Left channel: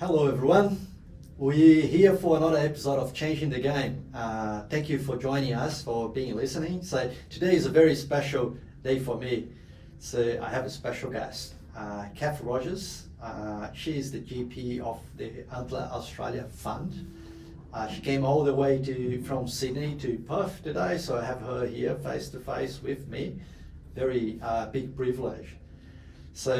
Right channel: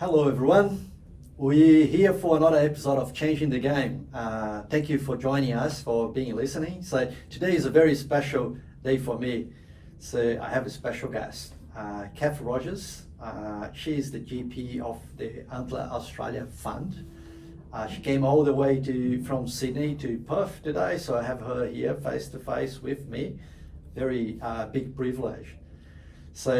Hello everyone, we're here for another episode of Changing the Game. Thank you for joining us, for being listening. So today is a very special day for me. So I have a special guest, Cath Rogers. She is the GP of the Antler Australia Fund. She came all the way from Sydney to Perth today, so I have her here face to face with me. Very big privilege. So,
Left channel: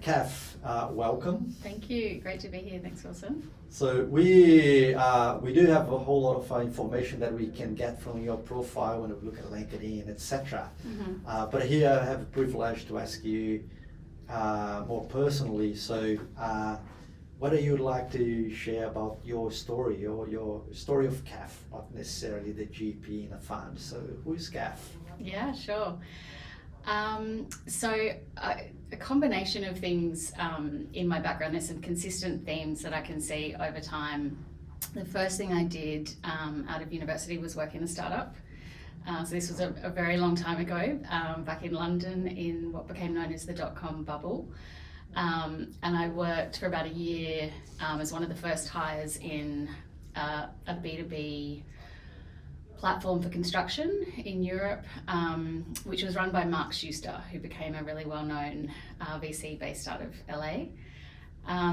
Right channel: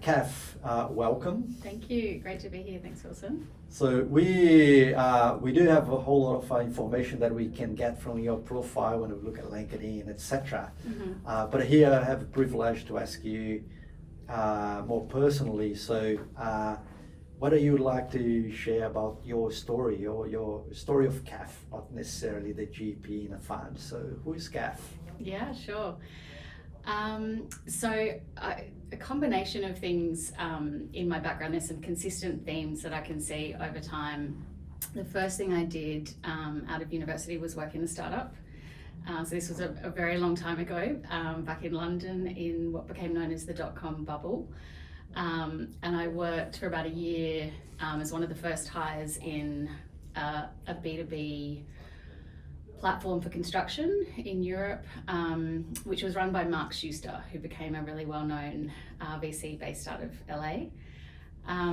Cath, welcome. Thank you. Great to be here. Thanks, Wilson. So we do have a whole lot of information that we can get from your profile when we look at LinkedIn, etc. Mm-hmm. But here I have a privilege to ask you more personally. So, what do you like to share about your story, or your story of Cath, not necessarily the GP in a fund? So, who is Cath? Yeah, sure. A combination of things in my background. There's some consistent themes that I can see over time. The first thing I did out of university was work in a startup. So this was a very long time ago, back in London in what became known as the dot-com bubble. And I worked for about a year as one of the first hires in a B2B platform for construction in Europe, which was run by Mark Schuster, who became a really well-known VC based out of LA.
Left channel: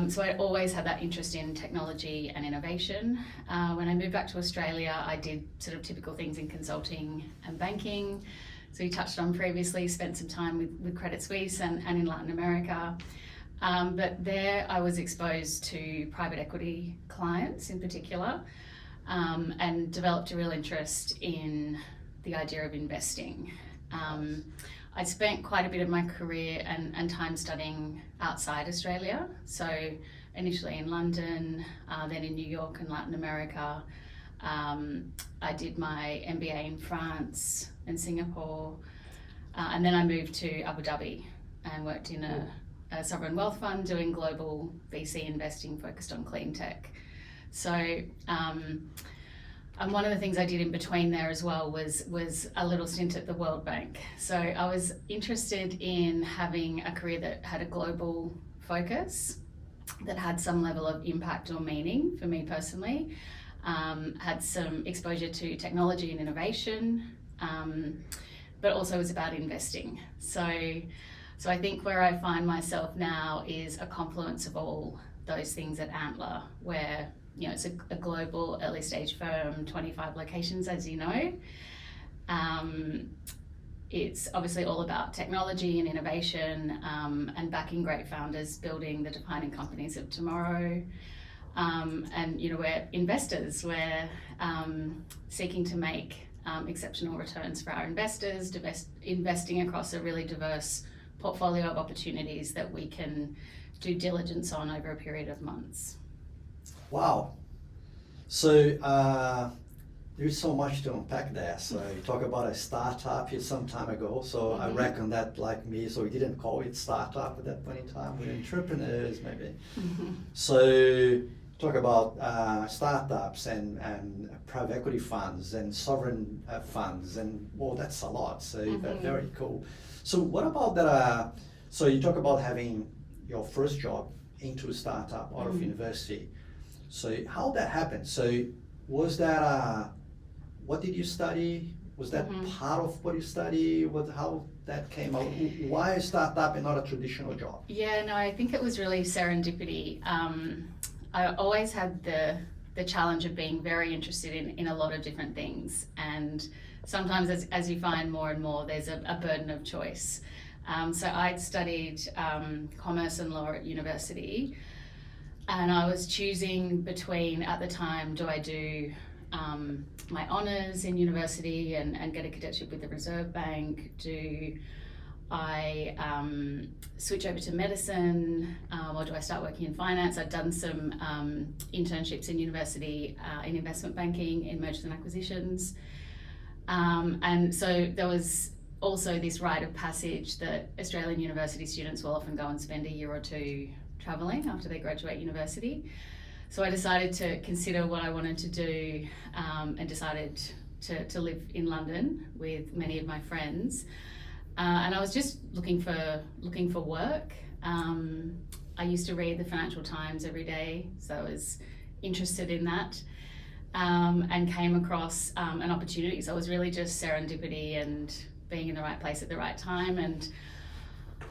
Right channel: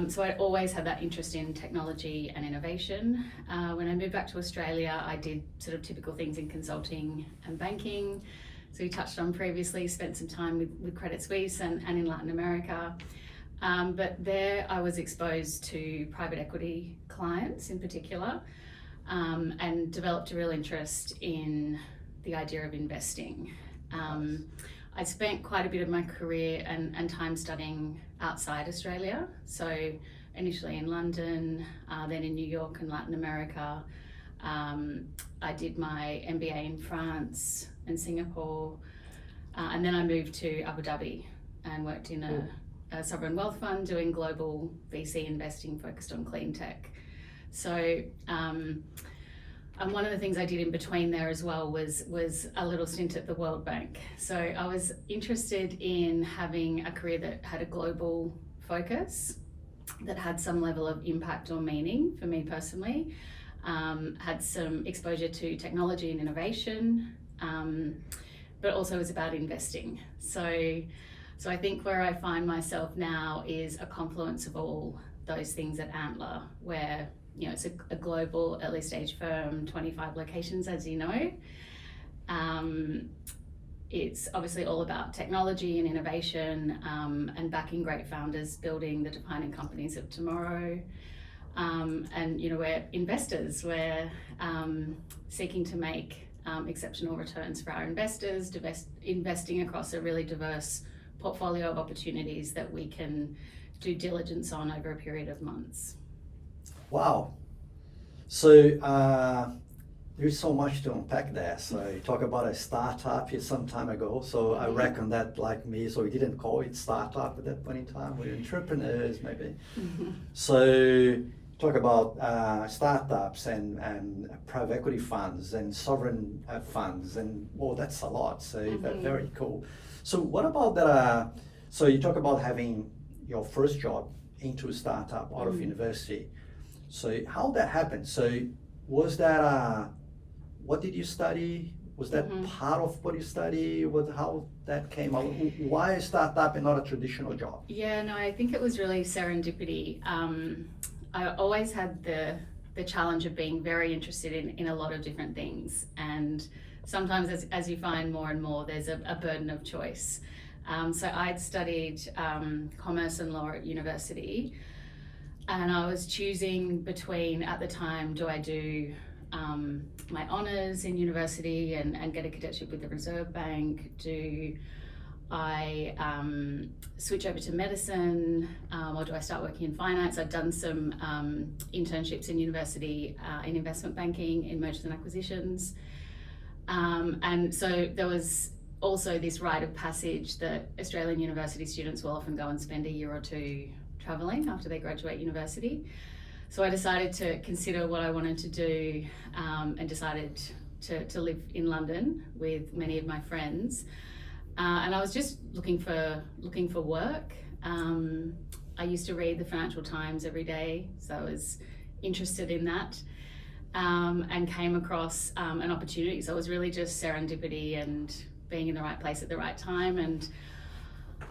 So I always had that interest in technology and innovation. When I moved back to Australia, I did sort of typical things in consulting and banking. So we touched on previously, spent some time with Credit Suisse and in Latin America. But there I was exposed to private equity clients in particular, and developed a real interest in the idea of investing. I spent quite a bit of my career and time studying outside Australia. So initially in London, then in New York and Latin America. I did my MBA in France and Singapore, and then I moved to Abu Dhabi and worked in a sovereign wealth fund doing global VC investing focused on clean tech. So, and one of the things I did in between there as well was a little stint at the World Bank. So I was interested in having a career that had a global focus, that had some level of impact or meaning for me personally, had some exposure to technology and innovation, but also was about investing. So I think where I find myself now is a confluence of all those things at Antler, where it's a global early stage firm, 25 locations, as you know. It's obviously all about technology and innovation, and backing great founders, building the defining companies of tomorrow. And we're investors. We're seeking to make exceptional returns for our investors, investing across a really diverse portfolio of opportunities that we can do diligence on over a period of months. Wow. So there's so much to unpack there. So you talk about a startup here some time ago. So I reckon that, like me, so we didn't call it startup at that point in time. We're entrepreneurs maybe. So talk about startups and private equity funds and sovereign funds, and that's a lot. So very cool. So what about that? So you talk about having your first job into a startup out of university. So how that happened? So was that what did you study? Was that part of what you study? How that came out? Why a startup and not a traditional job? Yeah, no, I think it was really serendipity. I always had the challenge of being very interested in a lot of different things, and sometimes as you find more and more, there's a burden of choice. So I'd studied commerce and law at university, and I was choosing between, at the time, do I do my honours in university and get a cadetship with the Reserve Bank? Do I switch over to medicine, or do I start working in finance? I'd done some internships in university in investment banking, in mergers and acquisitions. And so there was also this rite of passage that Australian university students will often go and spend a year or two travelling after they graduate university. So I decided to consider what I wanted to do, and decided to live in London with many of my friends. And I was just looking for work. I used to read the Financial Times every day, so I was interested in that, and came across an opportunity. So it was really just serendipity and being in the right place at the right time. And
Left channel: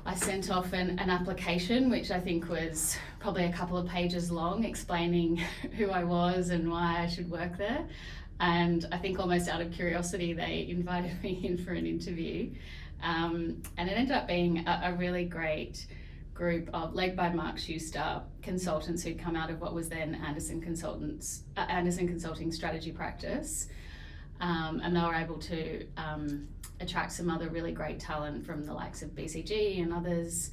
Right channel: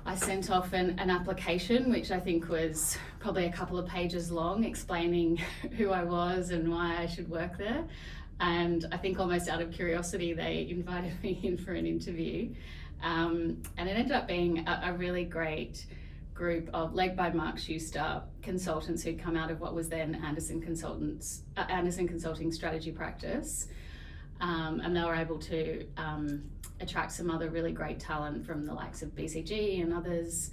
I sent off an application, which I think was probably a couple of pages long, explaining who I was and why I should work there. And I think almost out of curiosity, they invited me in for an interview. And it ended up being a really great group of, led by Mark Schuster, consultants who'd come out of what was then Anderson Consulting strategy practice. And they were able to attract some other really great talent from the likes of BCG and others,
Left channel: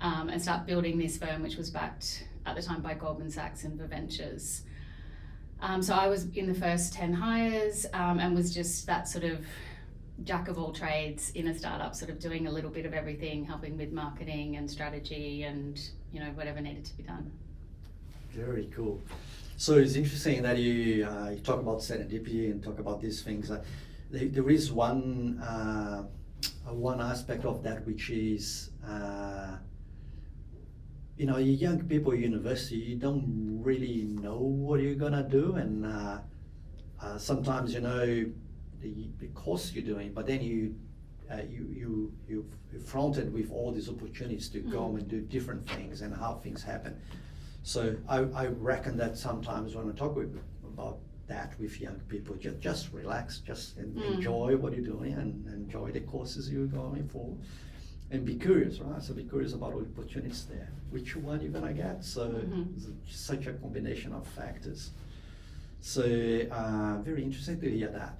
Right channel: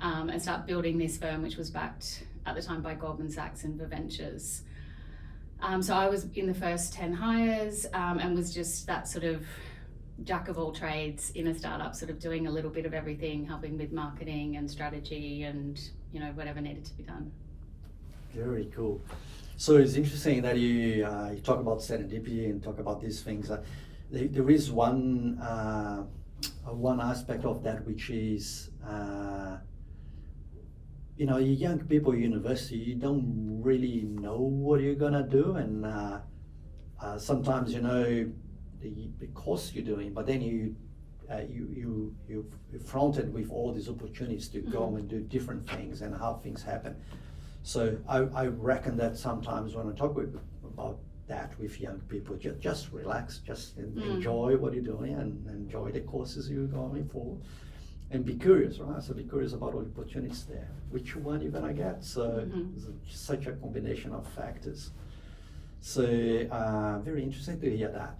and start building this firm, which was backed at the time by Goldman Sachs and Ventures. So I was in the first 10 hires, and was just that sort of jack of all trades in a startup, sort of doing a little bit of everything, helping with marketing and strategy and, you know, whatever needed to be done. Very cool. So it's interesting that you talk about serendipity and talk about these things. There is one aspect of that, which is, you know, young people at university, you don't really know what you're gonna do, and sometimes, you know, the course you're doing, but then you're fronted with all these opportunities to go and do different things and how things happen. So I reckon that sometimes when I talk about that with young people, just relax, just enjoy what you're doing and enjoy the courses you're going for, and be curious, right? So be curious about all the opportunities there, which one you're gonna get. So it's such a combination of factors. So very interesting to hear that.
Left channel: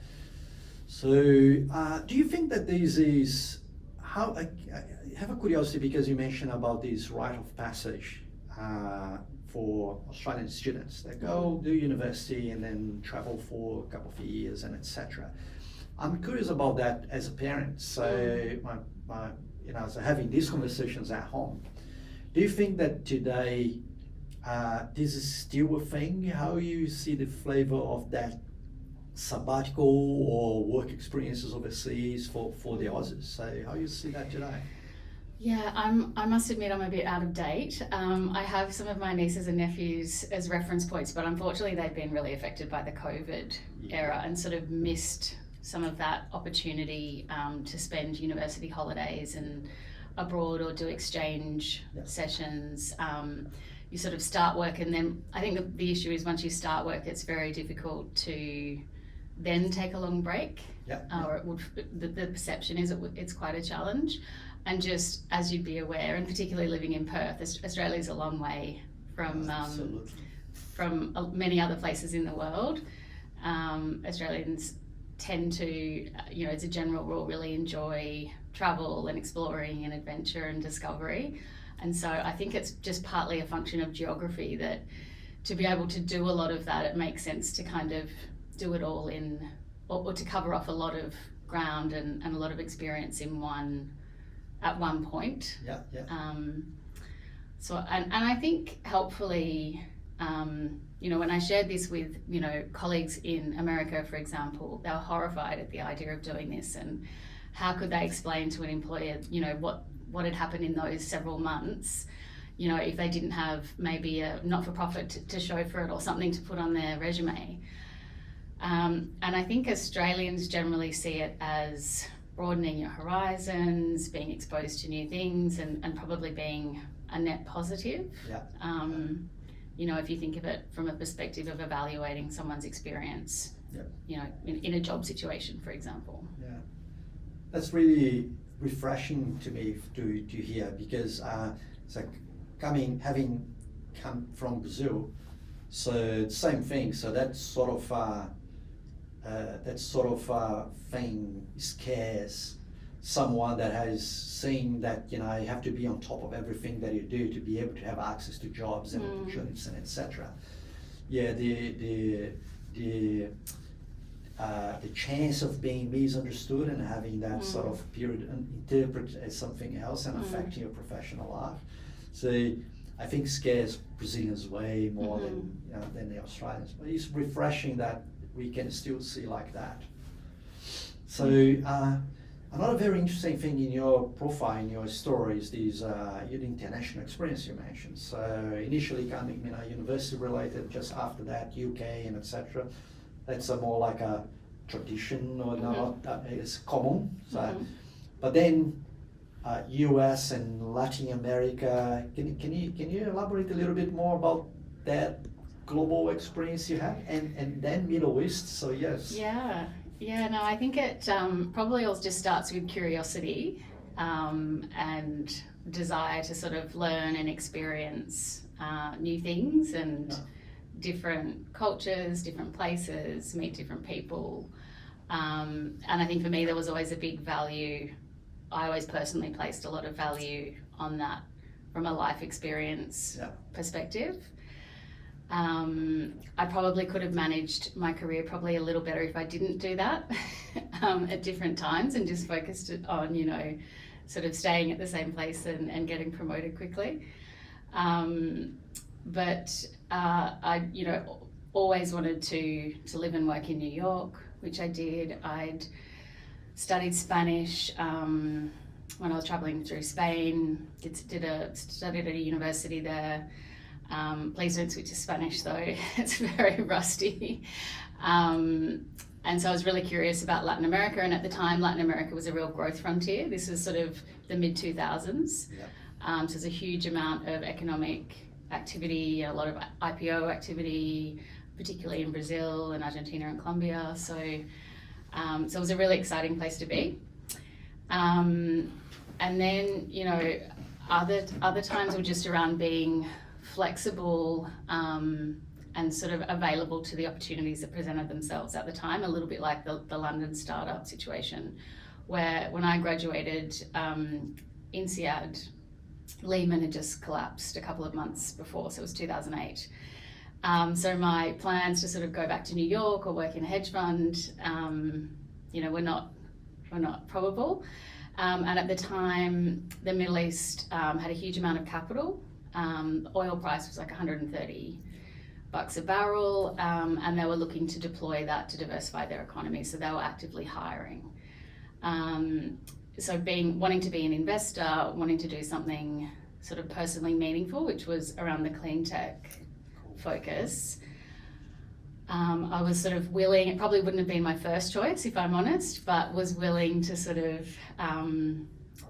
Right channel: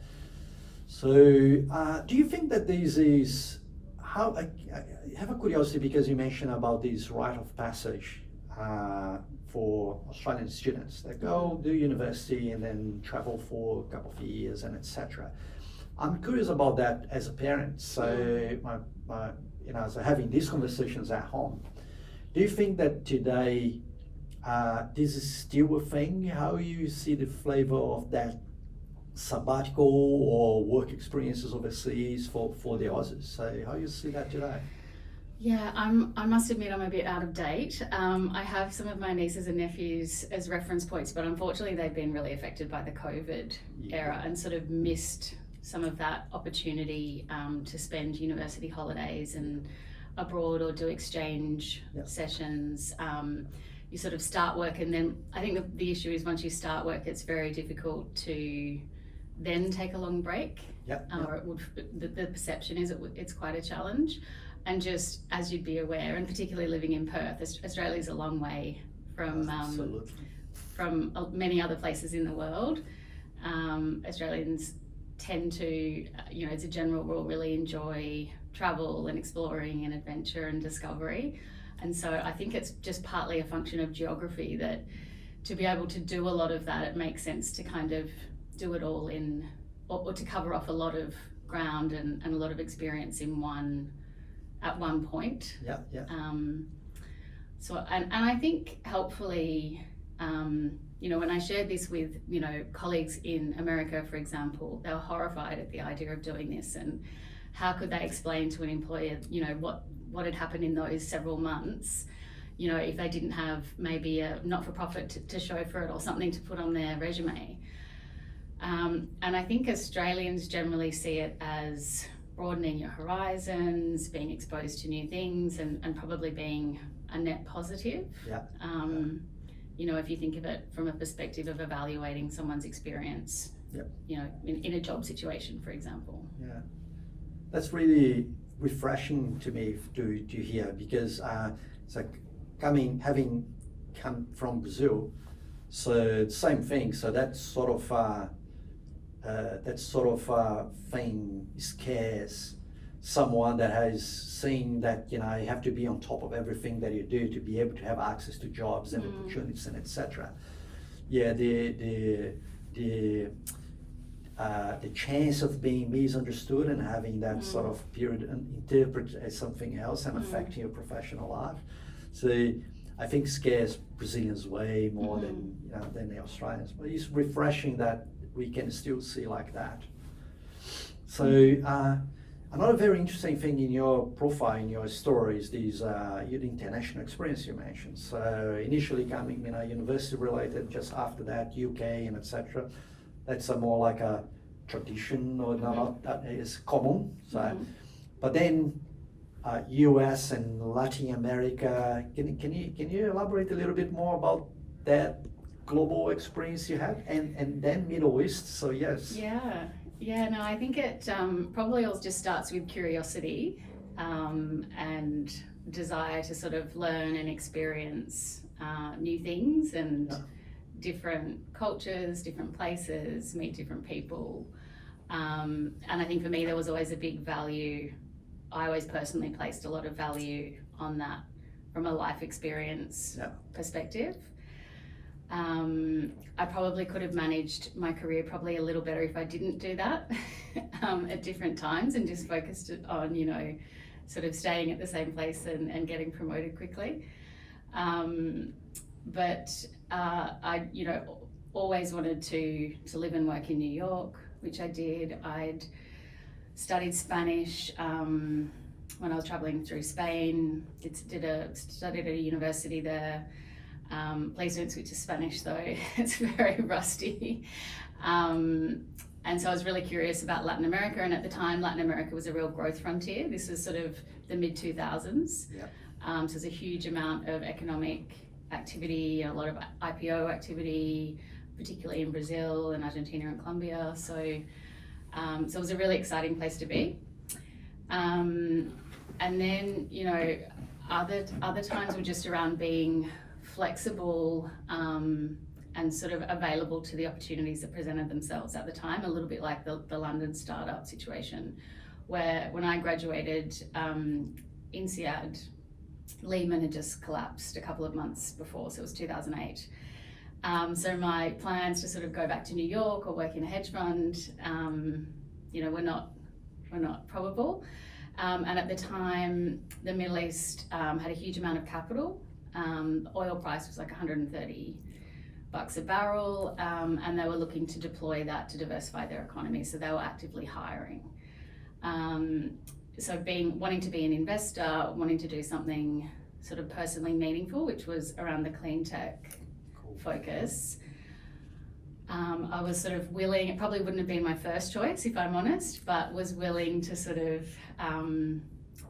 So do you think that this is how, I have a curiosity because you mentioned about this rite of passage for Australian students that go do university and then travel for a couple of years and etc. I'm curious about that as a parent. So you know, so having these conversations at home, do you think that today this is still a thing? How you see the flavor of that sabbatical or work experiences overseas for the Aussies? So how you see that today? Yeah, I must admit I'm a bit out of date. I have some of my nieces and nephews as reference points, but unfortunately they've been really affected by the COVID era and sort of missed some of that opportunity to spend university holidays and abroad or do exchange sessions. You sort of start work, and then I think the issue is once you start work, it's very difficult to then take a long break. Or the perception is it's quite a challenge. And just as you'd be aware, and particularly living in Perth, Australia's a long way from many other places in the world. Australians tend to, you know, as a general rule, really enjoy travel and exploring and adventure and discovery. And so I think it's just partly a function of geography that to be able to do a lot of that, it makes sense to kind of do it all in, or to cover off a lot of ground and a lot of experience at one point. So and I think helpfully, you know, when I shared this with, you know, colleagues in America, for example, they were horrified at the idea of doing this, and how could they explain to an employer, you know, what had happened in those several months, you know, if they didn't have maybe a not-for-profit to show for it or something to put on their resume. And I think Australians generally see it as broadening your horizons, being exposed to new things, and probably being a net positive. You know, if you think of it from a perspective of evaluating someone's experience, you know, in a job situation, for example. That's really refreshing to me to hear, because it's like having come from Brazil, so same thing. So that sort of thing scares someone that has seen that, you know, you have to be on top of everything that you do to be able to have access to jobs and opportunities and etc. The chance of being misunderstood and having that sort of period interpreted as something else and affecting your professional life. So I think scares Brazilians way more than the Australians. But it's refreshing that we can still see like that. So Another very interesting thing in your profile, in your story, is these your international experience you mentioned. So initially coming, university related. Just after that, UK and etc. That's a more like a tradition, or not that is common. So, but then US and Latin America. Can you elaborate a little bit more about that global experience you had, and then Middle East? So yes. Yeah, no, I think it probably all just starts with curiosity and desire to sort of learn and experience new things and different cultures, different places, meet different people. And I think for me, there was always a big value. I always personally placed a lot of value on that from a life experience perspective. I probably could have managed my career probably a little better if I didn't do that at different times and just focused on, sort of staying at the same place and getting promoted quickly. But I, always wanted to live and work in New York, which I did. I'd studied Spanish when I was traveling through Spain. Studied at a university there. Please don't switch to Spanish though, it's very rusty. And so I was really curious about Latin America, and at the time Latin America was a real growth frontier. This is sort of the mid-2000s. So there's a huge amount of economic activity, a lot of IPO activity, particularly in Brazil and Argentina and Colombia. So it was a really exciting place to be. And then, other times were just around being flexible and sort of available to the opportunities that presented themselves at the time, a little bit like the London startup situation, where when I graduated, INSEAD, Lehman had just collapsed a couple of months before, so it was 2008. So my plans to sort of go back to New York or work in a hedge fund, were not probable. And at the time, the Middle East had a huge amount of capital. Oil price was like $130 a barrel, and they were looking to deploy that to diversify their economy, so they were actively hiring. So wanting to be an investor, wanting to do something sort of personally meaningful, which was around the clean tech focus, I was sort of willing. It probably wouldn't have been my first choice, if I'm honest, but was willing to sort of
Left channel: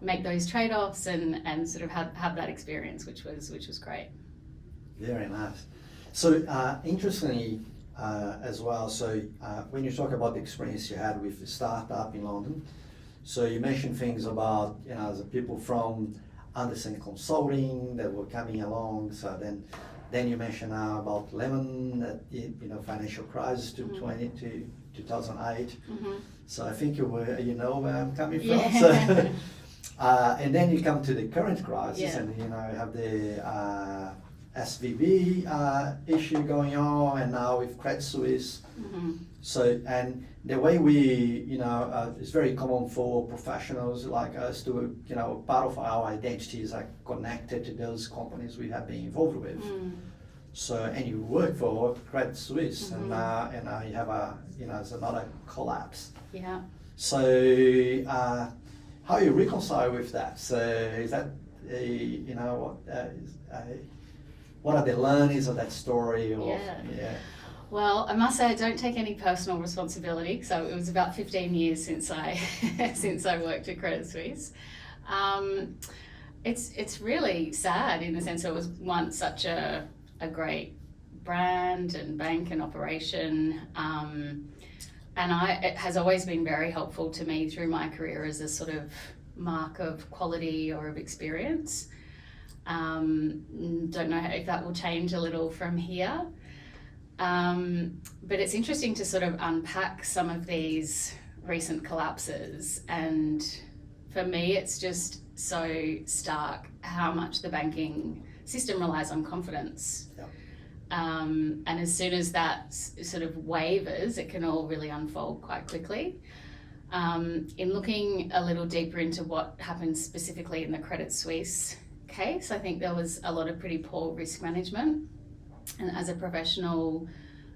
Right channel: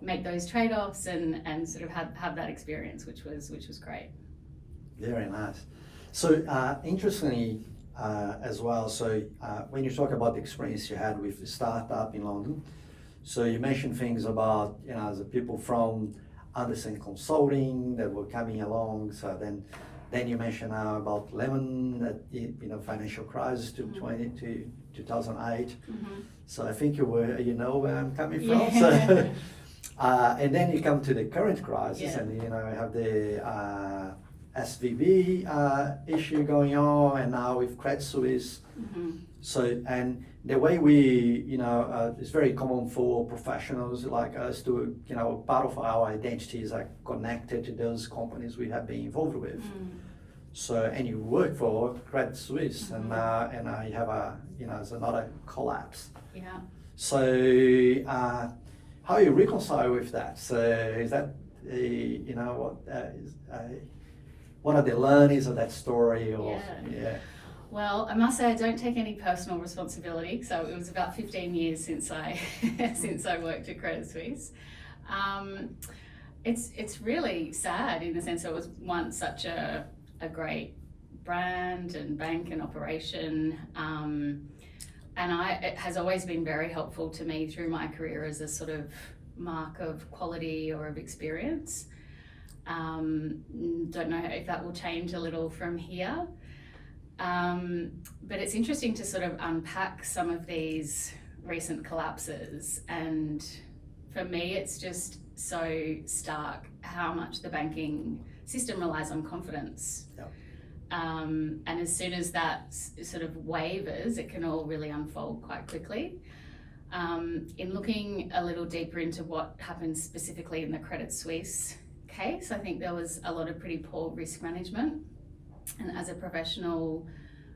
make those trade-offs and sort of have that experience, which was great. Very nice. So interestingly as well, so when you talk about the experience you had with the startup in London, so you mentioned things about the people from Anderson Consulting that were coming along. So then you mentioned now about Lehman, financial crisis to 2008. So I think you know where I'm coming from. Yeah. So, and then you come to the current crisis, and you have the SVB issue going on, and now with Credit Suisse. So, and the way we, it's very common for professionals like us to, part of our identities are connected to those companies we have been involved with. So, and you work for Credit Suisse, and now you have it's another collapse. Yeah. So, how you reconcile with that? So, is that what are the learnings of that story? Well, I must say I don't take any personal responsibility. So it was about 15 years since I worked at Credit Suisse. It's really sad in the sense that it was once such a great brand and bank and operation, and it has always been very helpful to me through my career as a sort of mark of quality or of experience. Don't know if that will change a little from here. But it's interesting to sort of unpack some of these recent collapses, and for me it's just so stark how much the banking system relies on confidence. And as soon as that sort of wavers, it can all really unfold quite quickly. In looking a little deeper into what happened specifically in the Credit Suisse case, I think there was a lot of pretty poor risk management. And as a professional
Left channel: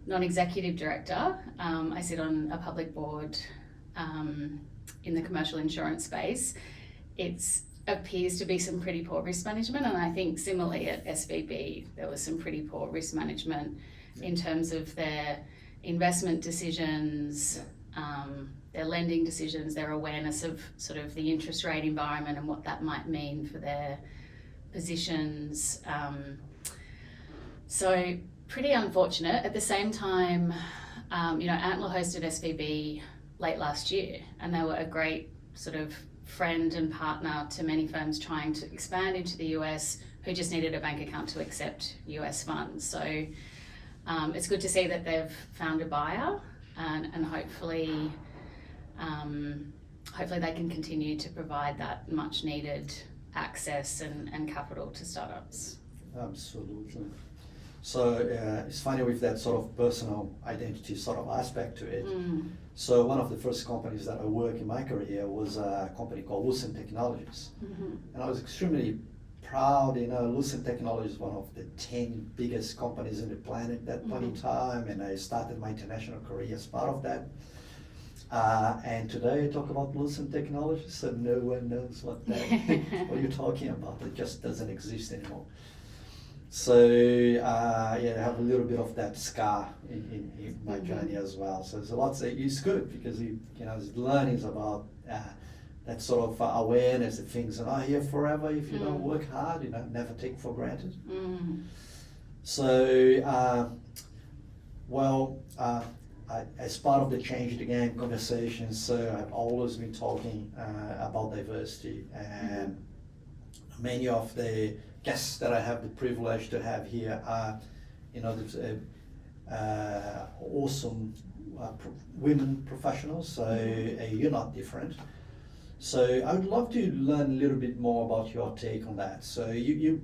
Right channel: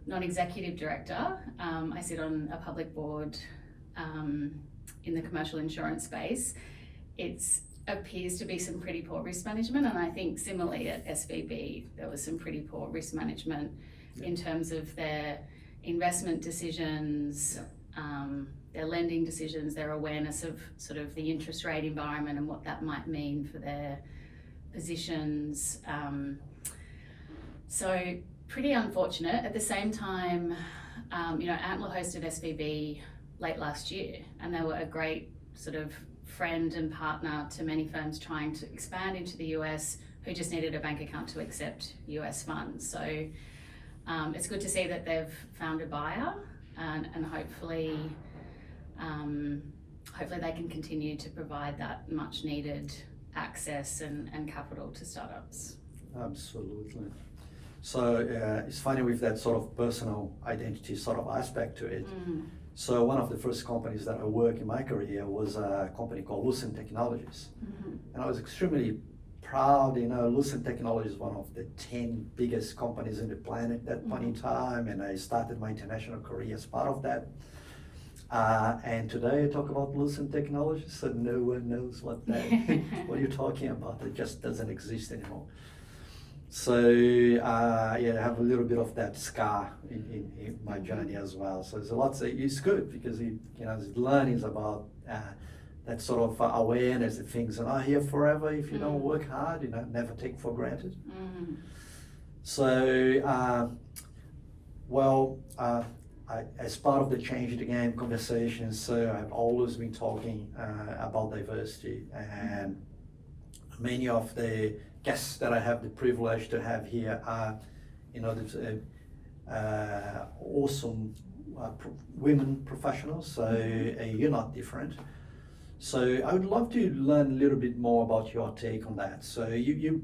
non-executive director, I sit on a public board in the commercial insurance space, it's appears to be some pretty poor risk management, and I think similarly at SVB there was some pretty poor risk management in terms of their investment decisions, their lending decisions, their awareness of sort of the interest rate environment and what that might mean for their positions. So pretty unfortunate. At the same time, Antler hosted SVB late last year, and they were a great sort of friend and partner to many firms trying to expand into the US who just needed a bank account to accept US funds. So it's good to see that they've found a buyer, and hopefully they can continue to provide that much needed access and capital to startups. Absolutely. So it's funny with that sort of personal identity sort of aspect to it. So one of the first companies that I worked in my career was a company called Lucent Technologies. And I was extremely proud. Lucent Technologies is one of the 10 biggest companies in the planet at that point in time, and I started my international career as part of that. And today I talk about Lucent Technologies, so no one knows what you're talking about. It just doesn't exist anymore. So I have a little bit of that scar in my journey as well. So there's a lot. It's good because there's learnings about that sort of awareness that things are not here forever if you don't work hard. Never take for granted. So as part of the Change the Game conversations, so I've always been talking about diversity, and many of the guests that I have the privilege to have here are, awesome women professionals. So you're not different. So I would love to learn a little bit more about your take on that. So you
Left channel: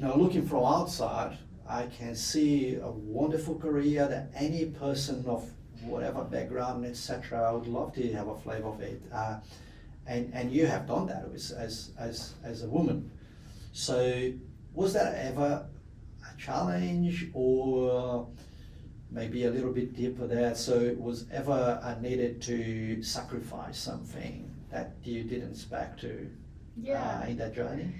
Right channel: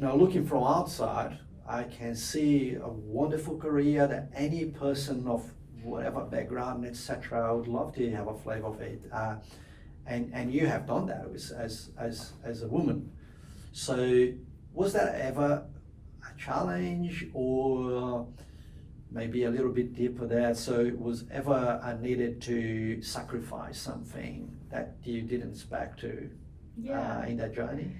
looking from outside, I can see a wonderful career that any person of whatever background, etc., I would love to have a flavor of it. And you have done that as a woman. So was that ever a challenge, or maybe a little bit deeper there? So was ever needed to sacrifice something that you didn't expect to in that journey?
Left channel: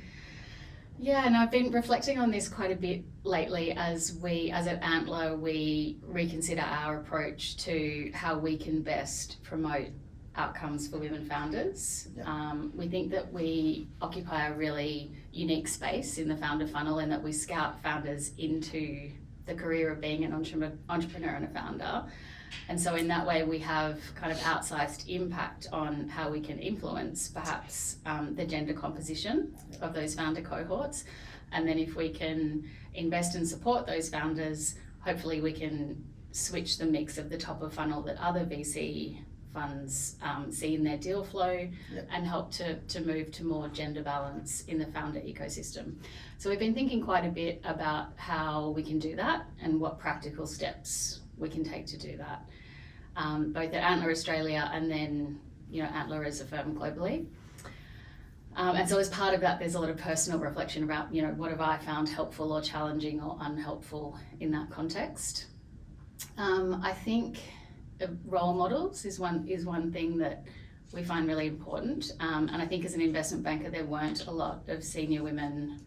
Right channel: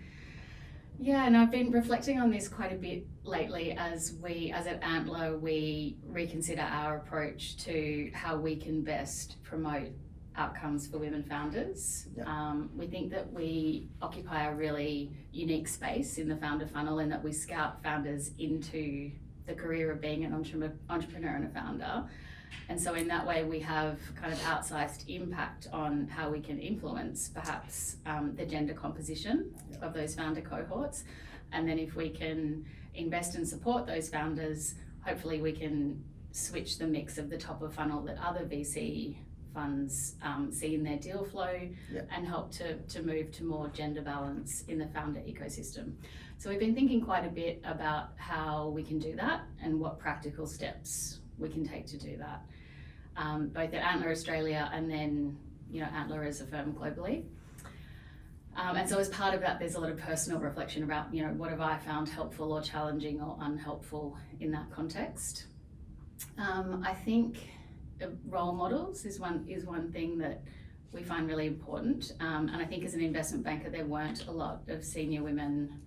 Yeah, and I've been reflecting on this quite a bit lately as at Antler, we reconsider our approach to how we can best promote outcomes for women founders. We think that we occupy a really unique space in the founder funnel, and that we scout founders into the career of being an entrepreneur and a founder. And so in that way, we have kind of outsized impact on how we can influence perhaps the gender composition of those founder cohorts. And then if we can invest and support those founders, hopefully we can switch the mix of the top of funnel that other VC funds see in their deal flow, and help to move to more gender balance in the founder ecosystem. So we've been thinking quite a bit about how we can do that and what practical steps we can take to do that, both at Antler Australia and then Antler as a firm globally. And so as part of that, there's a lot of personal reflection about what have I found helpful or challenging or unhelpful in that context. I think role models is one thing that we find really important, and I think as an investment banker there weren't a lot of senior women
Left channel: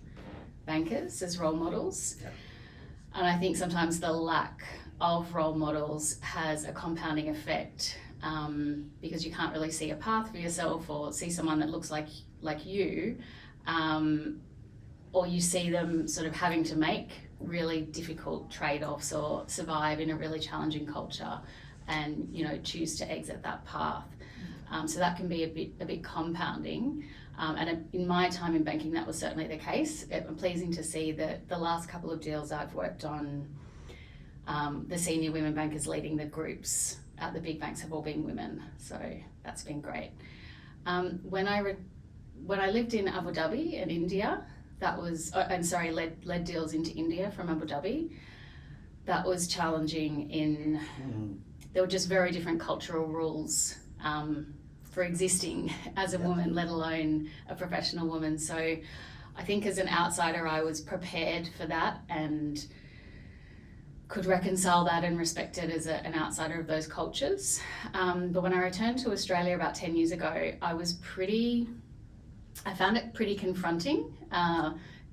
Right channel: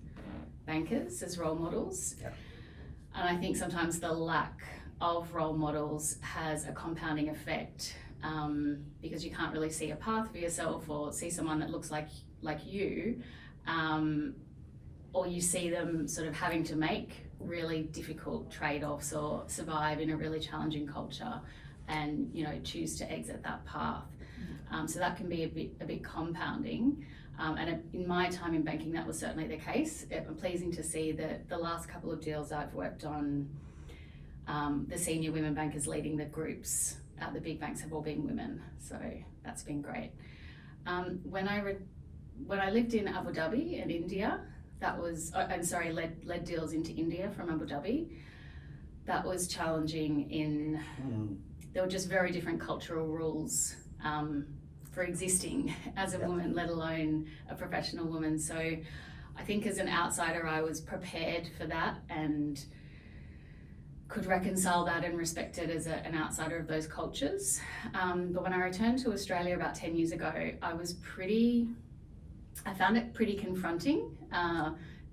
bankers as role models, and I think sometimes the lack of role models has a compounding effect, because you can't really see a path for yourself or see someone that looks like you, or you see them sort of having to make really difficult trade-offs or survive in a really challenging culture and choose to exit that path. So that can be a bit compounding, and in my time in banking that was certainly the case. I'm pleasing to see that the last couple of deals I've worked on, the senior women bankers leading the groups at the big banks have all been women, so that's been great. When I lived in Abu Dhabi in India, led deals into India from Abu Dhabi, that was challenging there were just very different cultural rules for existing as a woman, let alone a professional woman. So I think as an outsider, I was prepared for that, and could reconcile that and respect it as an outsider of those cultures. But when I returned to Australia about 10 years ago, I found it pretty confronting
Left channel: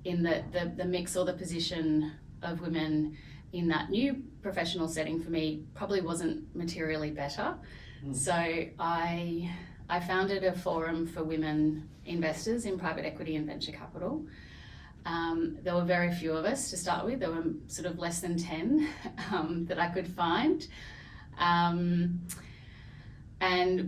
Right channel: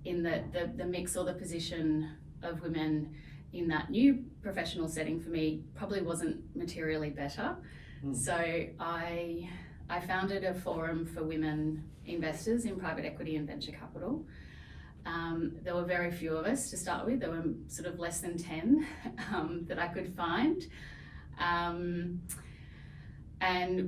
in that the mix or the position of women in that new professional setting for me probably wasn't materially better. So I founded a forum for women investors in private equity and venture capital. There were very few of us to start with. There were sort of less than 10 that I could find. And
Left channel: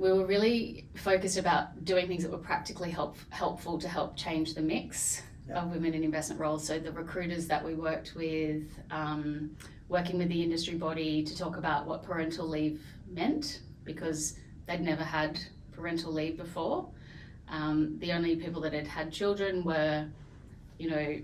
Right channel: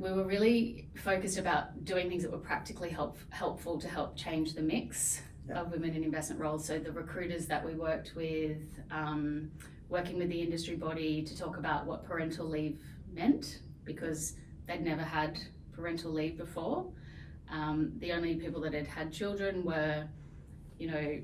we were really focused about doing things that were practically helpful to help change the mix of women in investment roles. So the recruiters that we worked with, working with the industry body to talk about what parental leave meant, because they'd never had parental leave before. The only people that had children were, you know,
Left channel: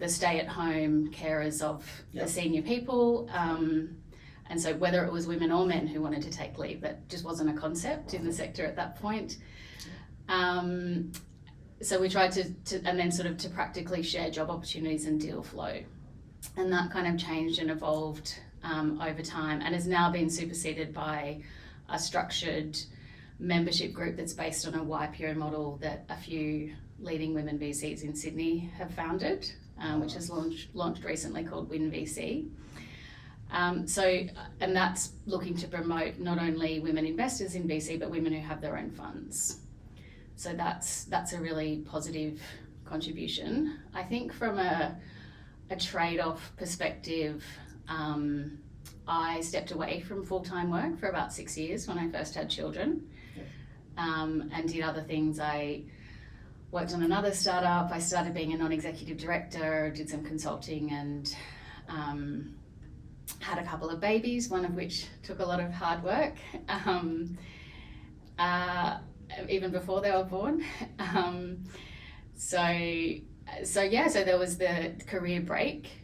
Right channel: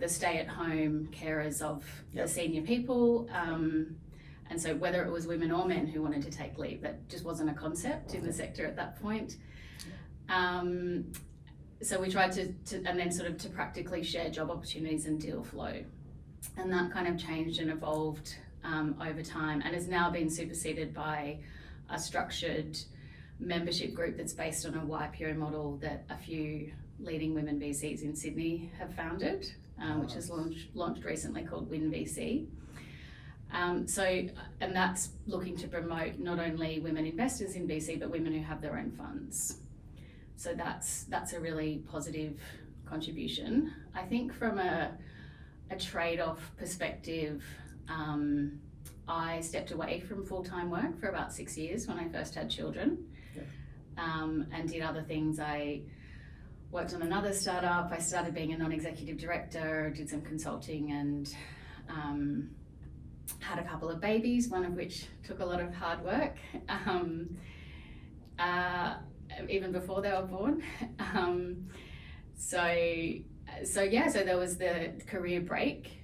the stay-at-home carers of the senior people. And so whether it was women or men who wanted to take leave, that just wasn't a concept in the sector at that point. So we tried to and then sort of to practically share job opportunities and deal flow. And that kind of changed and evolved over time, and has now been superseded by a structured membership group that's based on a YPO model that a few leading women VCs in Sydney have founded, which is launched recently, called Win VC. And that's looking to promote not only women investors in VC, but women who have their own funds. So that's a really positive contribution. I think from a trade-off perspective, I stepped away from full-time work for about 6 years when I first had children, and did other things. I worked on another startup. I started being a non-executive director, did some consulting, and had a couple of babies, one of which took a lot of hard work, even before they were born. So there was the career break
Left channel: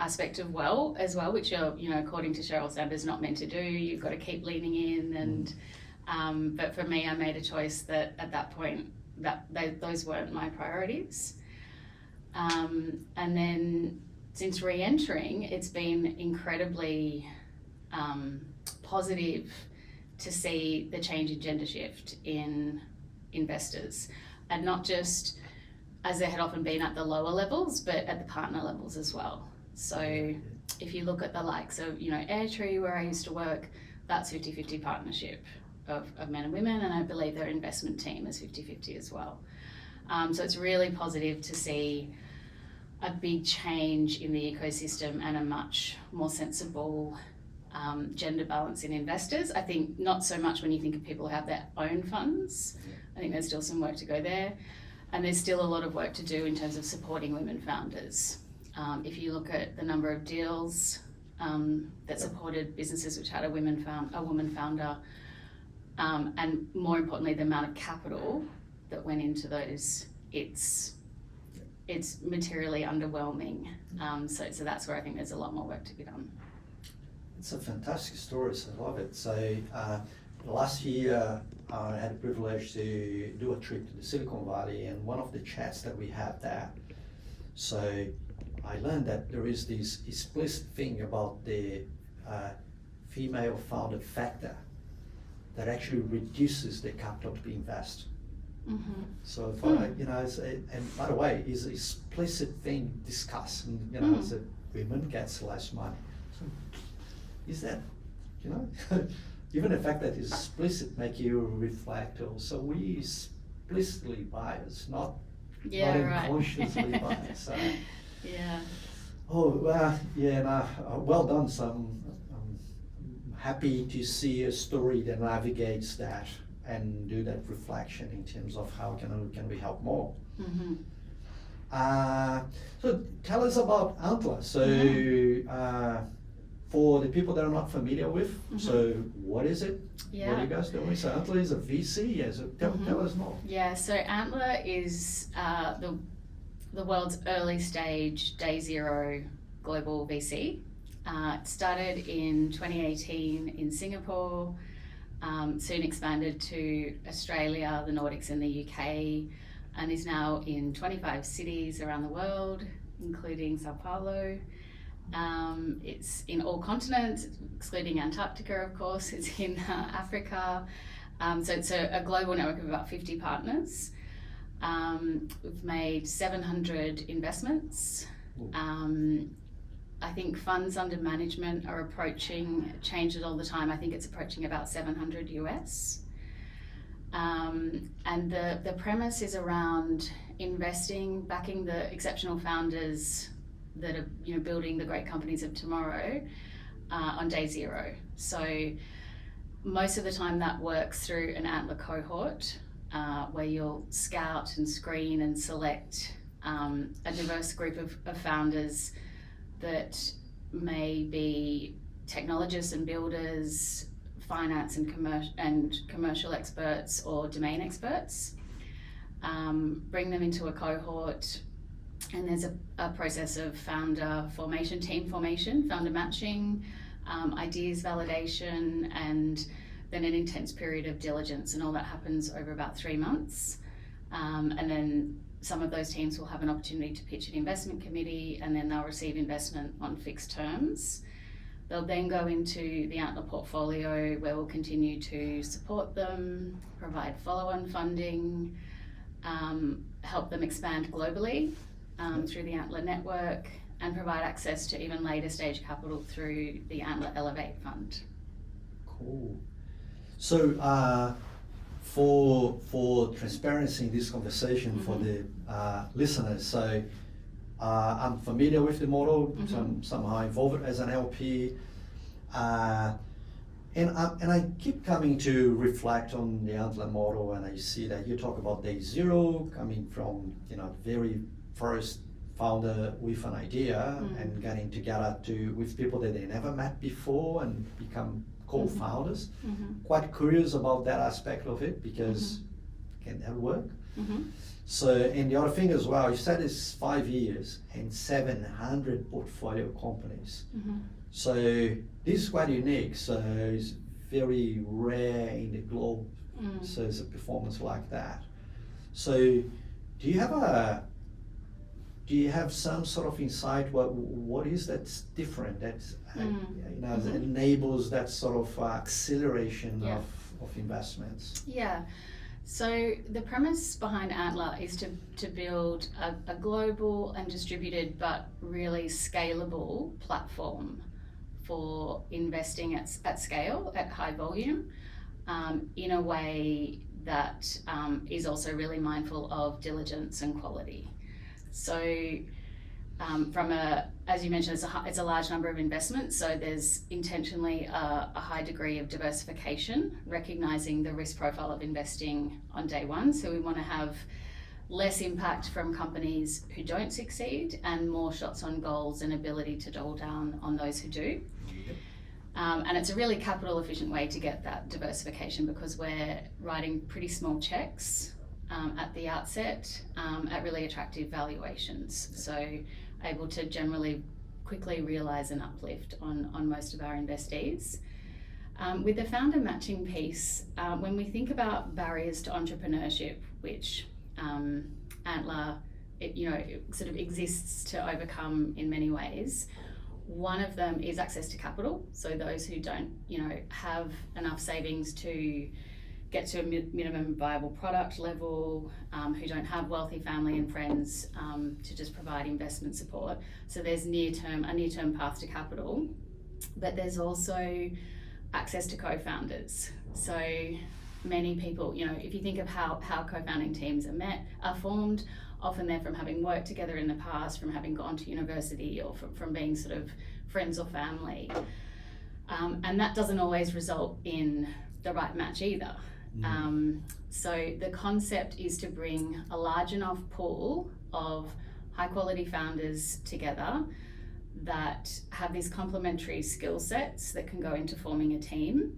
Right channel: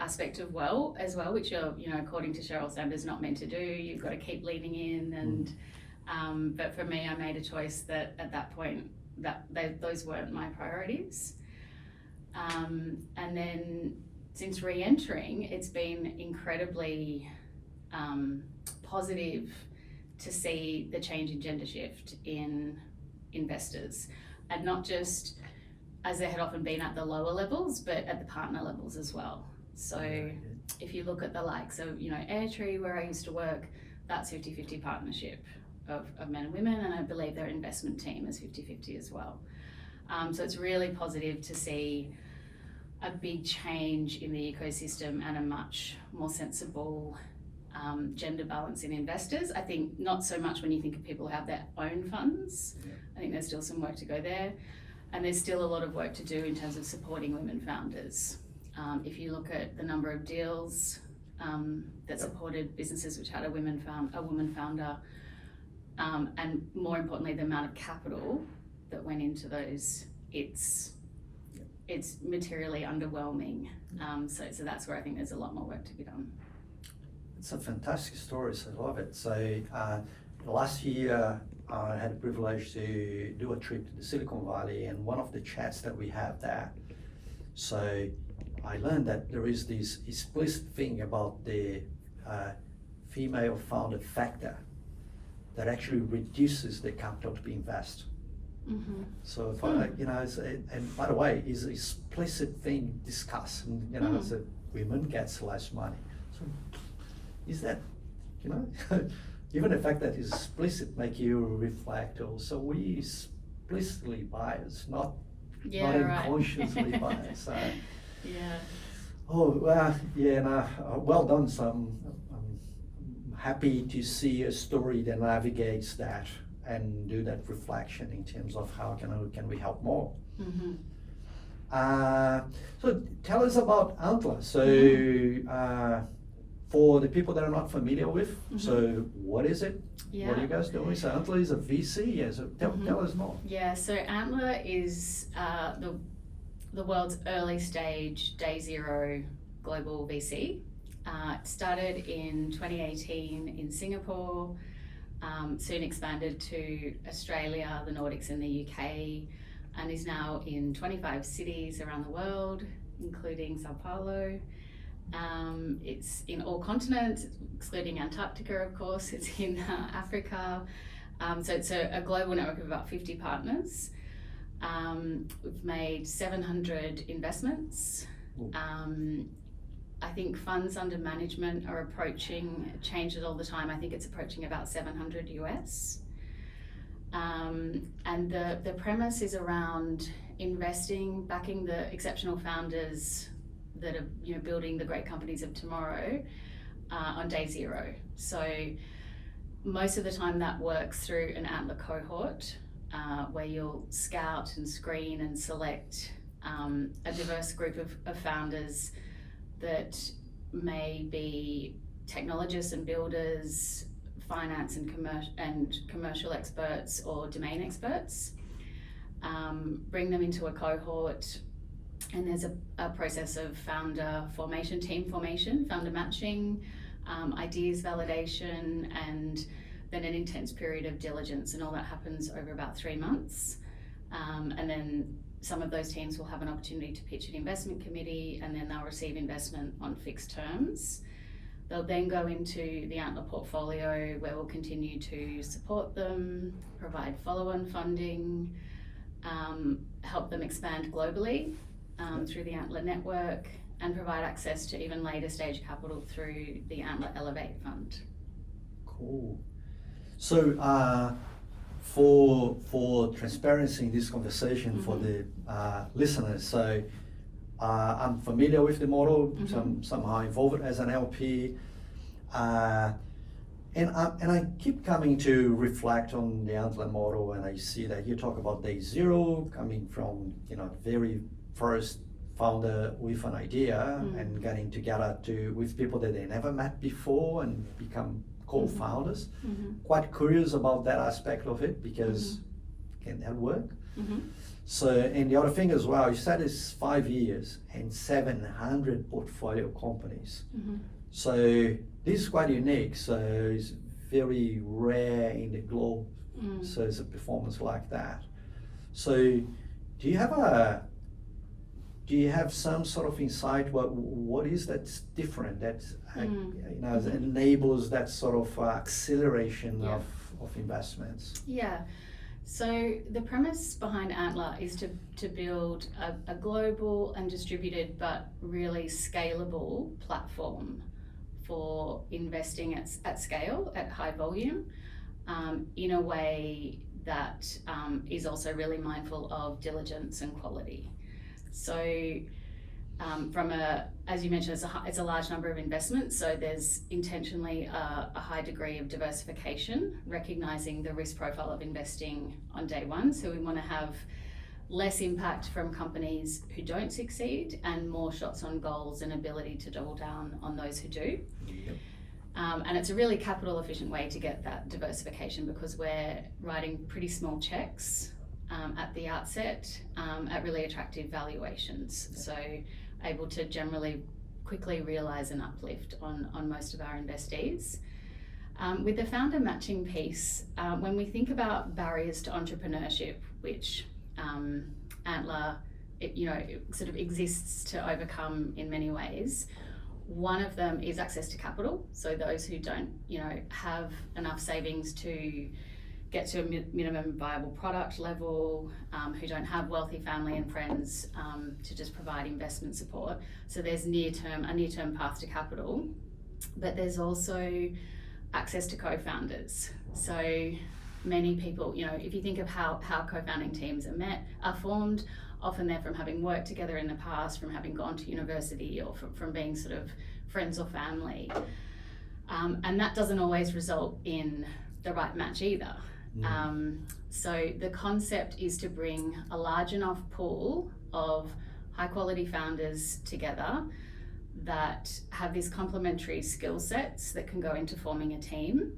aspect of as well, which are, you know, according to Sheryl Sanders, not meant to do. You've got to keep leaning in, and but for me, I made a choice that at that point that those weren't my priorities. And then since re-entering, it's been incredibly positive to see the change in gender shift in investors, and not just as there had often been at the lower levels, but at the partner levels as well. So if you look at the likes of, you know, Airtree, where I used to work, that's 50-50 partnership of men and women, and I believe their investment team is 50-50 as well. So it's really positive to see a big change in the ecosystem and a much more sensible gender balance in investors. I think not so much when you think of people who have their own funds. I think there's still some work to go there. And there's still a lot of work to do in terms of supporting women founders. If you look at the number of deals that supported businesses which had a woman founder, and more importantly, the amount of capital that went into those, it's materially underwhelming. So that's where I think there's a lot more work to be done. It's a fantastic story, so I love it. So last year, I had the privilege to do a trip to the Silicon Valley, and one of the chats that we have there, so I learned that there is this explicit thing about the female founder factor that actually reduces the capital to be invested. So if you know, and by the way, is an explicit thing discussed, and you know, that women gets less money. So is that, you know? Even the fact that it's explicit make you reflect also, we explicitly biased, not unconsciously biased. So. Well done. So I'm happy to see a story that navigates that and do that reflection in terms of how can we help more. So tell us about Antler. So. For the people that are not familiar with, so what is it? What are you guys doing? So Antler is a VC, so tell us more. Yeah, so Antler is the world's early stage, day zero global VC. It started in 2018 in Singapore, soon expanded to Australia, the Nordics and the UK, and is now in 25 cities around the world, including Sao Paulo. It's in all continents, excluding Antarctica, of course. It's in Africa. So it's a global network of about 50 partners. We've made 700 investments. I think funds under management are approaching, it changes all the time, I think it's approaching about 700 US. And the premise is around investing, backing the exceptional founders that are, you know, building the great companies of tomorrow on day zero. So most of the time that works through an Antler cohort where you'll scout and screen and select a diverse group of founders that may be technologists and builders, finance and commercial experts or domain experts. Bring them into a cohort, and there's a process of founder formation, team formation, founder matching, ideas validation, and then an intense period of diligence, and all that happens over about 3 months. And then some of those teams will have an opportunity to pitch an investment committee, and then they'll receive investment on fixed terms. They'll then go into the Antler portfolio, where we'll continue to support them, provide follow-on funding, help them expand globally through the Antler network, and provide access to even later stage capital through the Antler Elevate Fund. Cool. So for transparency in this conversation, for the listeners, so I'm familiar with the model, somehow involved as an LP, and I keep coming to reflect on the Antler model, and I see that you talk about day zero, coming from, you know, the very first founder with an idea and getting together with people that they never met before and become co-founders. Quite curious about that aspect of it, because can that work? So, and the other thing as well, you said it's 5 years and 700 portfolio companies. So this is quite unique. So it's very rare in the globe. So it's a performance like that. So do you have some sort of insight what is that's different that you know, that enables that sort of acceleration of investments? Yeah. So the premise behind Antler is to build a global and distributed but really scalable platform for investing at scale, at high volume, in a way that is also really mindful of diligence and quality. So as you mentioned, it's a large number of investments, so there's intentionally a high degree of diversification, recognizing the risk profile of investing on day one. So we want to have less impact from companies who don't succeed and more shots on goals and ability to double down on those who do. And it's a really capital efficient way to get that diversification, because we're writing pretty small checks at the outset at really attractive valuations. So able to generally quickly realize an uplift on most of our investees. With the founder matching piece, when we think about barriers to entrepreneurship, which Antler, it sort of exists to overcome in many ways, one of them is access to capital. So those who don't, have enough savings to get to a minimum viable product level, who don't have wealthy family and friends to just provide investment support. So there's a near-term path to capital, but there's also access to co-founders. So many people, if you think of how co-founding teams are formed, often they're from having worked together in the past, from having gone to university, or from being sort of friends or family. And that doesn't always result in the right match either. So the concept is to bring a large enough pool of high quality founders together that have these complementary skill sets that can go into forming a team,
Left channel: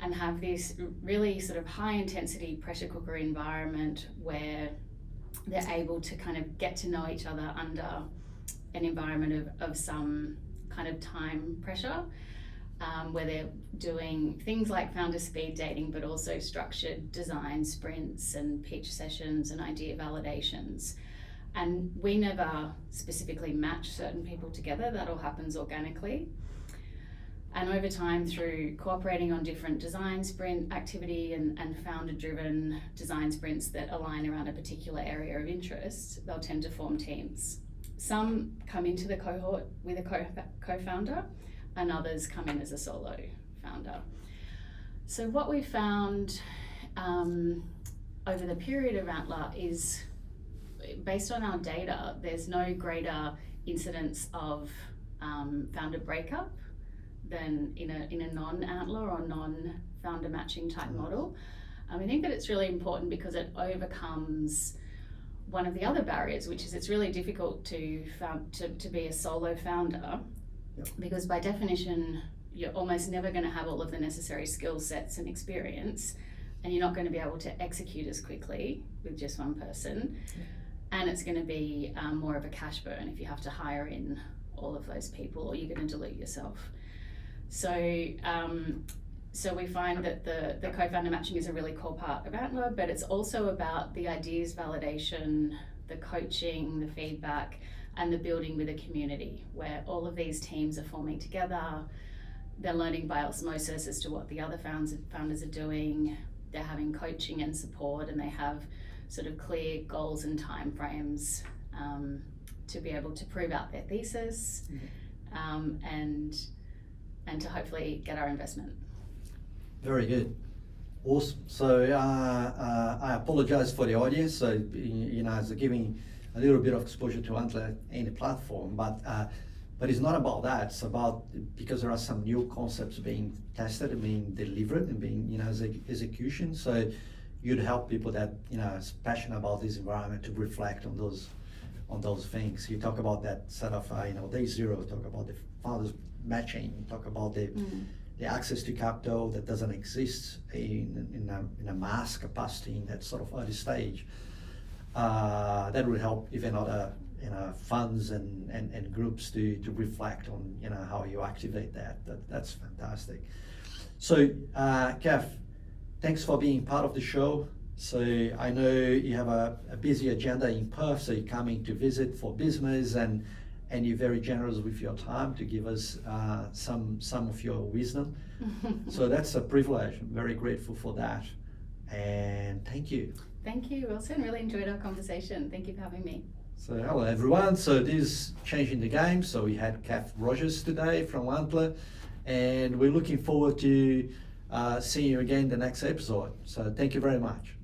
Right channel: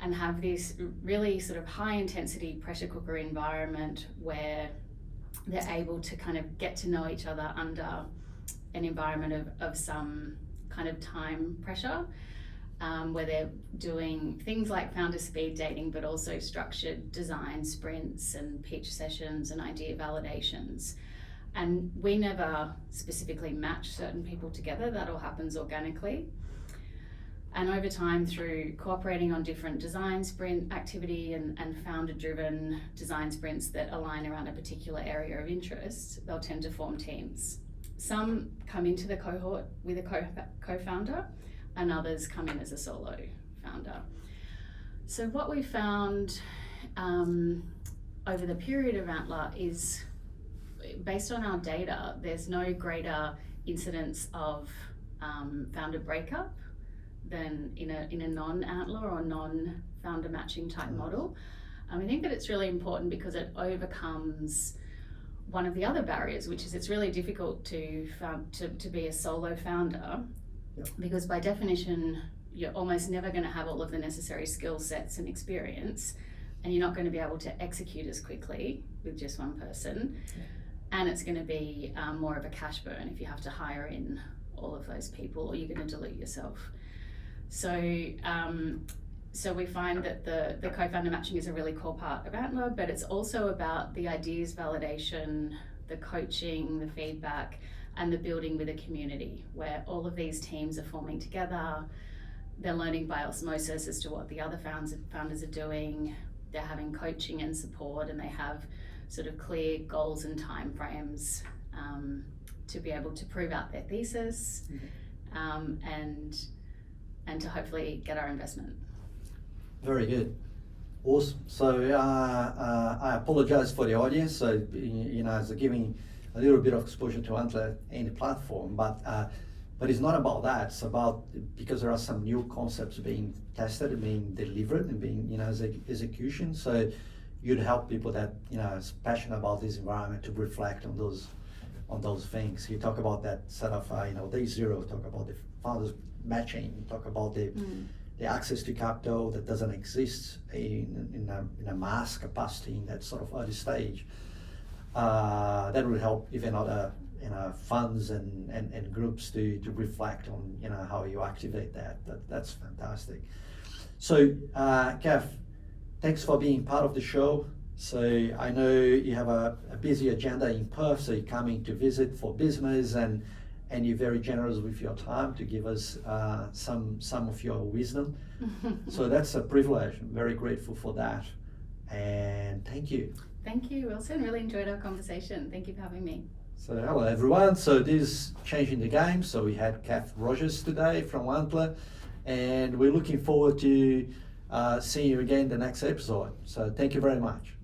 and have this really sort of high intensity pressure cooker environment where they're able to kind of get to know each other under an environment of some kind of time pressure. Where they're doing things like founder speed dating, but also structured design sprints and pitch sessions and idea validations. And we never specifically match certain people together, that all happens organically. And over time, through cooperating on different design sprint activity and founder-driven design sprints that align around a particular area of interest, they'll tend to form teams. Some come into the cohort with a co-founder, and others come in as a solo founder. So what we found over the period of Antler is, based on our data, there's no greater incidence of founder breakup than in a non-Antler or non-founder matching type model. I think that it's really important because it overcomes one of the other barriers, which is it's really difficult to be a solo founder, because by definition you're almost never going to have all of the necessary skill sets and experience, and you're not going to be able to execute as quickly with just one person. And it's going to be more of a cash burn if you have to hire in all of those people, or you're going to dilute yourself. So we find that the co-founder matching is a really core part of Antler, but it's also about the ideas validation, the coaching, the feedback, and the building with a community where all of these teams are forming together. They're learning by osmosis as to what the other founders are doing. They're having coaching and support, and they have sort of clear goals and timeframes to be able to prove out their thesis, and to hopefully get our investment. Very good. Awesome. So I apologize for the audience. So, it's giving a little bit of exposure to Antler and the platform, but it's not about that. It's about, because there are some new concepts being tested and being delivered and being, as execution. So you'd help people that, is passionate about this environment to reflect on those things. You talk about that sort of, day zero, talk about the founders matching, talk about the access to capital that doesn't exist in a mass capacity in that sort of early stage. That will help even other funds and groups to reflect on how you activate that. That's fantastic. So Cath, thanks for being part of the show. So I know you have a busy agenda in Perth, so you're coming to visit for business, and you're very generous with your time to give us some of your wisdom. So that's a privilege. I'm very grateful for that. And thank you. Thank you, Wilson. Really enjoyed our conversation. Thank you for having me. So hello everyone. So this is Changing the Game. So we had Cath Rogers today from Antler, and we're looking forward to seeing you again the next episode. So thank you very much.